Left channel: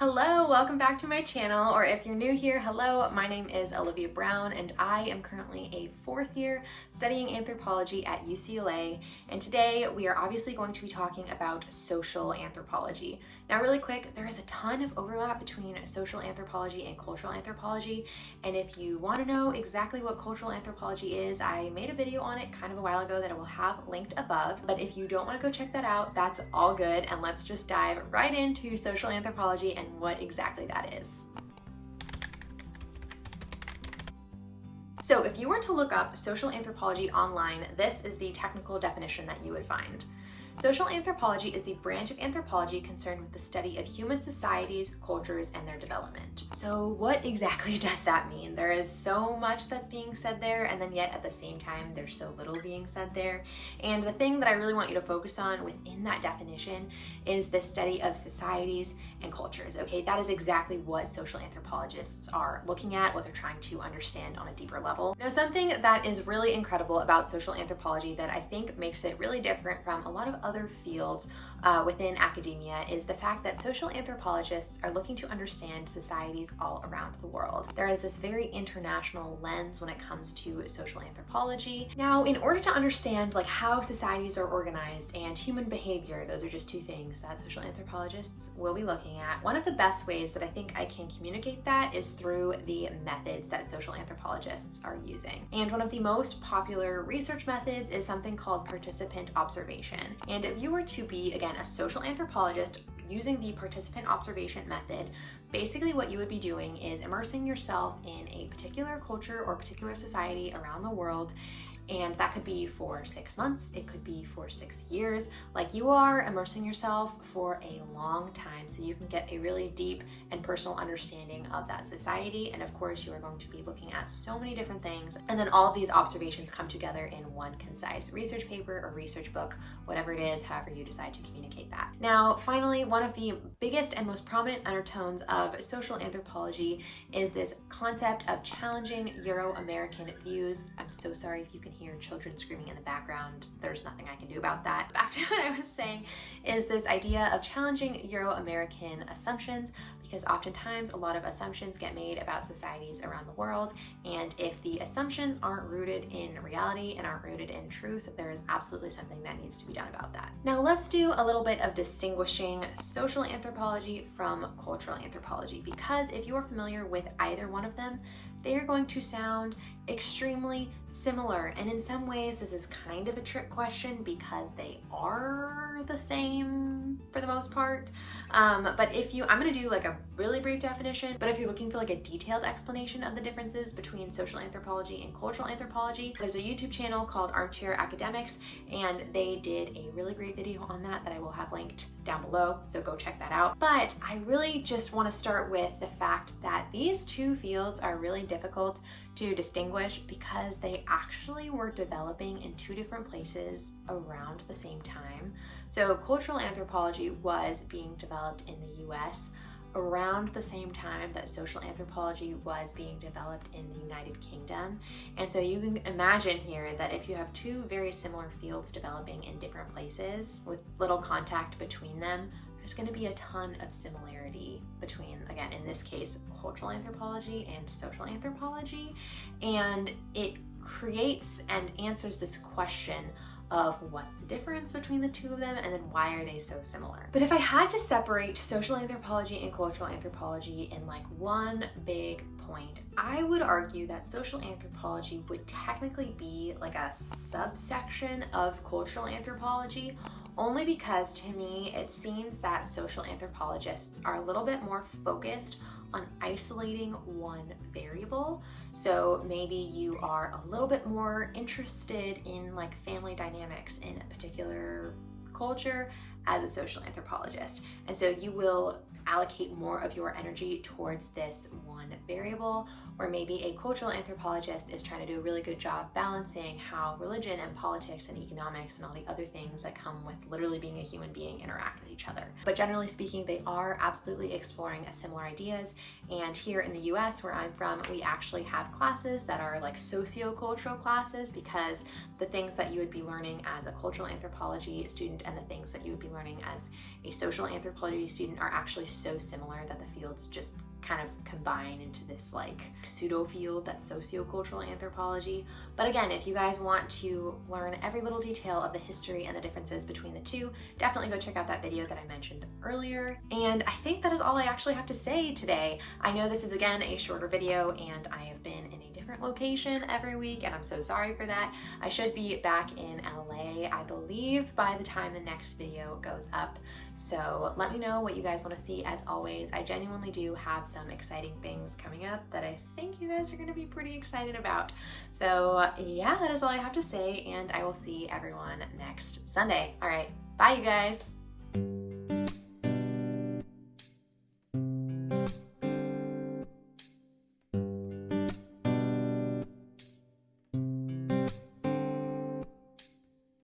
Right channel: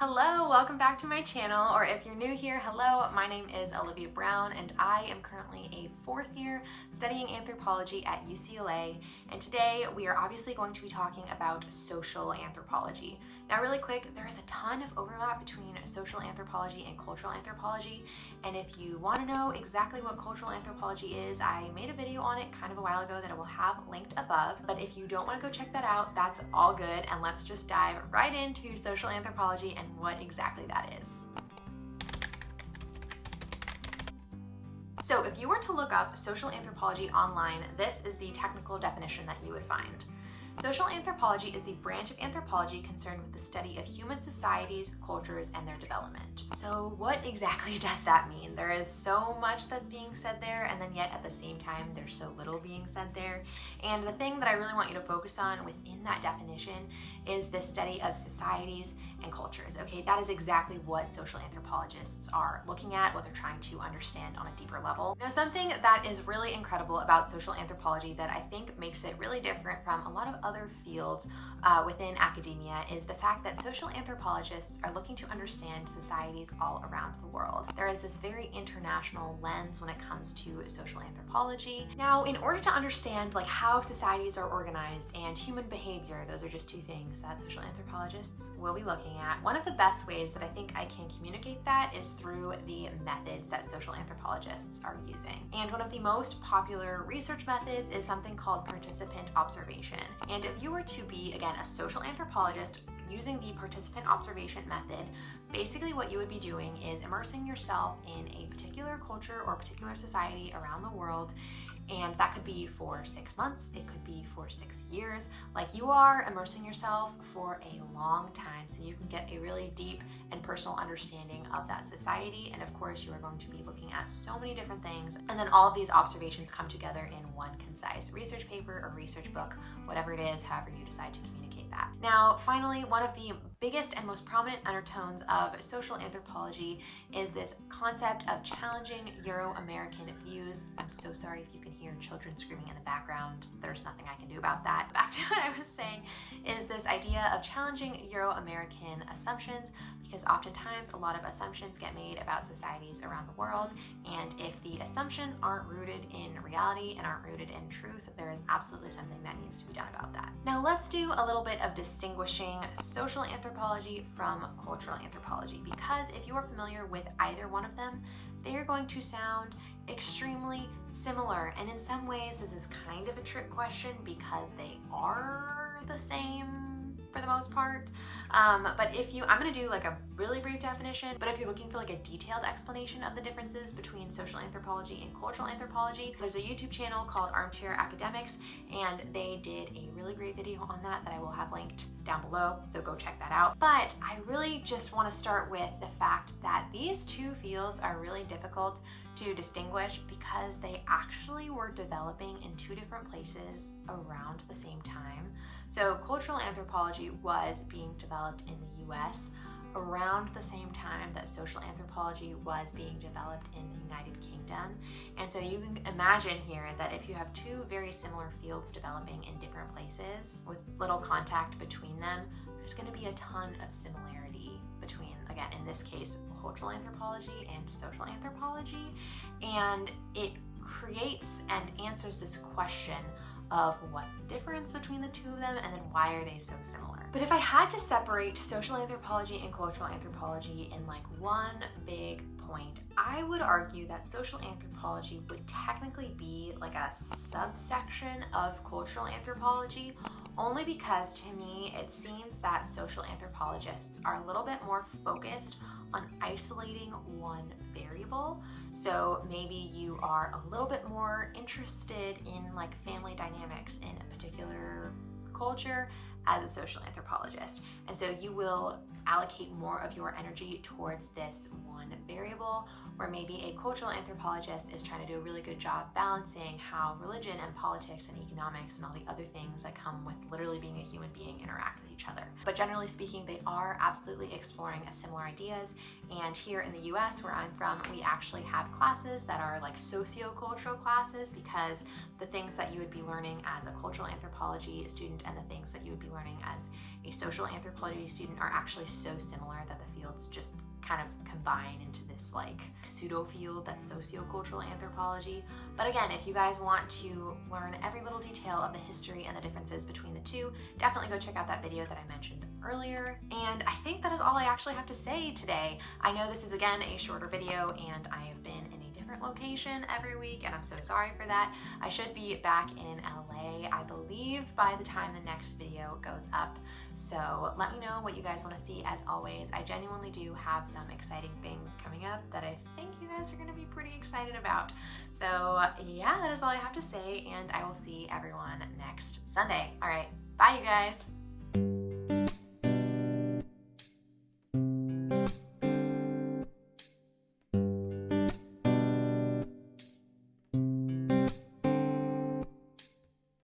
Hello, welcome back to my channel, or if you're new here, hello, my name is Alivia Brown and I am currently a fourth year studying anthropology at UCLA, and today we are obviously going to be talking about social anthropology. Now really quick, there is a ton of overlap between social anthropology and cultural anthropology, and if you want to know exactly what cultural anthropology is, I made a video on it kind of a while ago that I will have linked above, but if you don't want to go check that out, that's all good, and let's just dive right into social anthropology and what exactly that is. So if you were to look up social anthropology online, this is the technical definition that you would find. Social anthropology is the branch of anthropology concerned with the study of human societies, cultures, and their development. So what exactly does that mean? There is so much that's being said there, and then yet at the same time, there's so little being said there. And the thing that I really want you to focus on within that definition is the study of societies and cultures. Okay, that is exactly what social anthropologists are looking at, what they're trying to understand on a deeper level. Now, something that is really incredible about social anthropology that I think makes it really different from a lot of other fields within academia is the fact that social anthropologists are looking to understand societies all around the world. There is this very international lens when it comes to social anthropology. Now, in order to understand how societies are organized and human behavior, those are just two things that social anthropologists will be looking at. One of the best ways that I think I can communicate that is through the methods that social anthropologists are using. And one of the most popular research methods is something called participant observation. And if you were to be, again, a social anthropologist using the participant observation method, basically what you would be doing is immersing yourself in a particular culture or particular society around the world, and that could be for 6 months, it could be for 6 years. Like, you are immersing yourself for a long time so you can get a really deep and personal understanding of that society. And of course, you are going to be looking at so many different things, and then all of these observations come together in one concise research paper or research book, whatever it is, however you decide to communicate that. Now, finally, one of the biggest and most prominent undertones of social anthropology is this concept of challenging Euro-American views. I'm so sorry if you can hear children screaming in the background. There's nothing I can do about that. Back to what I was saying is this idea of challenging Euro-American assumptions, because oftentimes a lot of assumptions get made about societies around the world, and if the assumptions aren't rooted in reality and aren't rooted in truth, there is absolutely something that needs to be done about that. Now let's do a little bit of distinguishing social anthropology from cultural anthropology, because if you are familiar with either one of them, they are going to sound extremely similar, and in some ways this is kind of a trick question because they are the same for the most part. But if you, I'm going to do a really brief definition, but if you're looking for a detailed explanation of the differences between social anthropology and cultural anthropology, there's a YouTube channel called Armchair Academics, and they did a really great video on that I will have linked down below, so go check that out. But I really just want to start with the fact that these two fields are really difficult to distinguish because they actually were developing in two different places around the same time. So cultural anthropology was being developed in the US around the same time that social anthropology was being developed in the United Kingdom. And so you can imagine here that if you have two very similar fields developing in different places with little contact between them, there's going to be a ton of similarity between, again, in this case, cultural anthropology and social anthropology. And it creates and answers this question of what's the difference between the two of them, and then why are they so similar. But if I had to separate social anthropology and cultural anthropology in one big point, I would argue that social anthropology would technically be a subsection of cultural anthropology, only because to me it seems that social anthropologists are a little bit more focused on isolating one variable. So maybe you are a little bit more interested in family dynamics in a particular culture as a social anthropologist. And so you will allocate more of your energy towards this one variable, where maybe a cultural anthropologist is trying to do a really good job balancing how religion and politics and economics and all the other things that come with literally being a human being interact with each other. But generally speaking, they are absolutely exploring similar ideas. And here in the US, where I'm from, we actually have classes that are sociocultural classes, because the things that you would be learning as a cultural anthropology student and the things that you would be learning as a social anthropology student are actually so similar that the fields just kind of combine into this like pseudo field that's sociocultural anthropology. But again, if you guys want to learn every little detail of the history and the differences between the two, definitely go check out that video that I mentioned earlier. And I think that is all I actually have to say today. I know this is again a shorter video, and I have been in a different location every week, and I'm so sorry for that. I should be back in LA, I believe, by the time the next video goes up. So let me know what you guys want to see. As always, I genuinely do have some exciting things coming up that I think you guys are going to be pretty excited about. So yeah, that is all I have to say, and I will see everyone next Sunday. All right, bye you guys.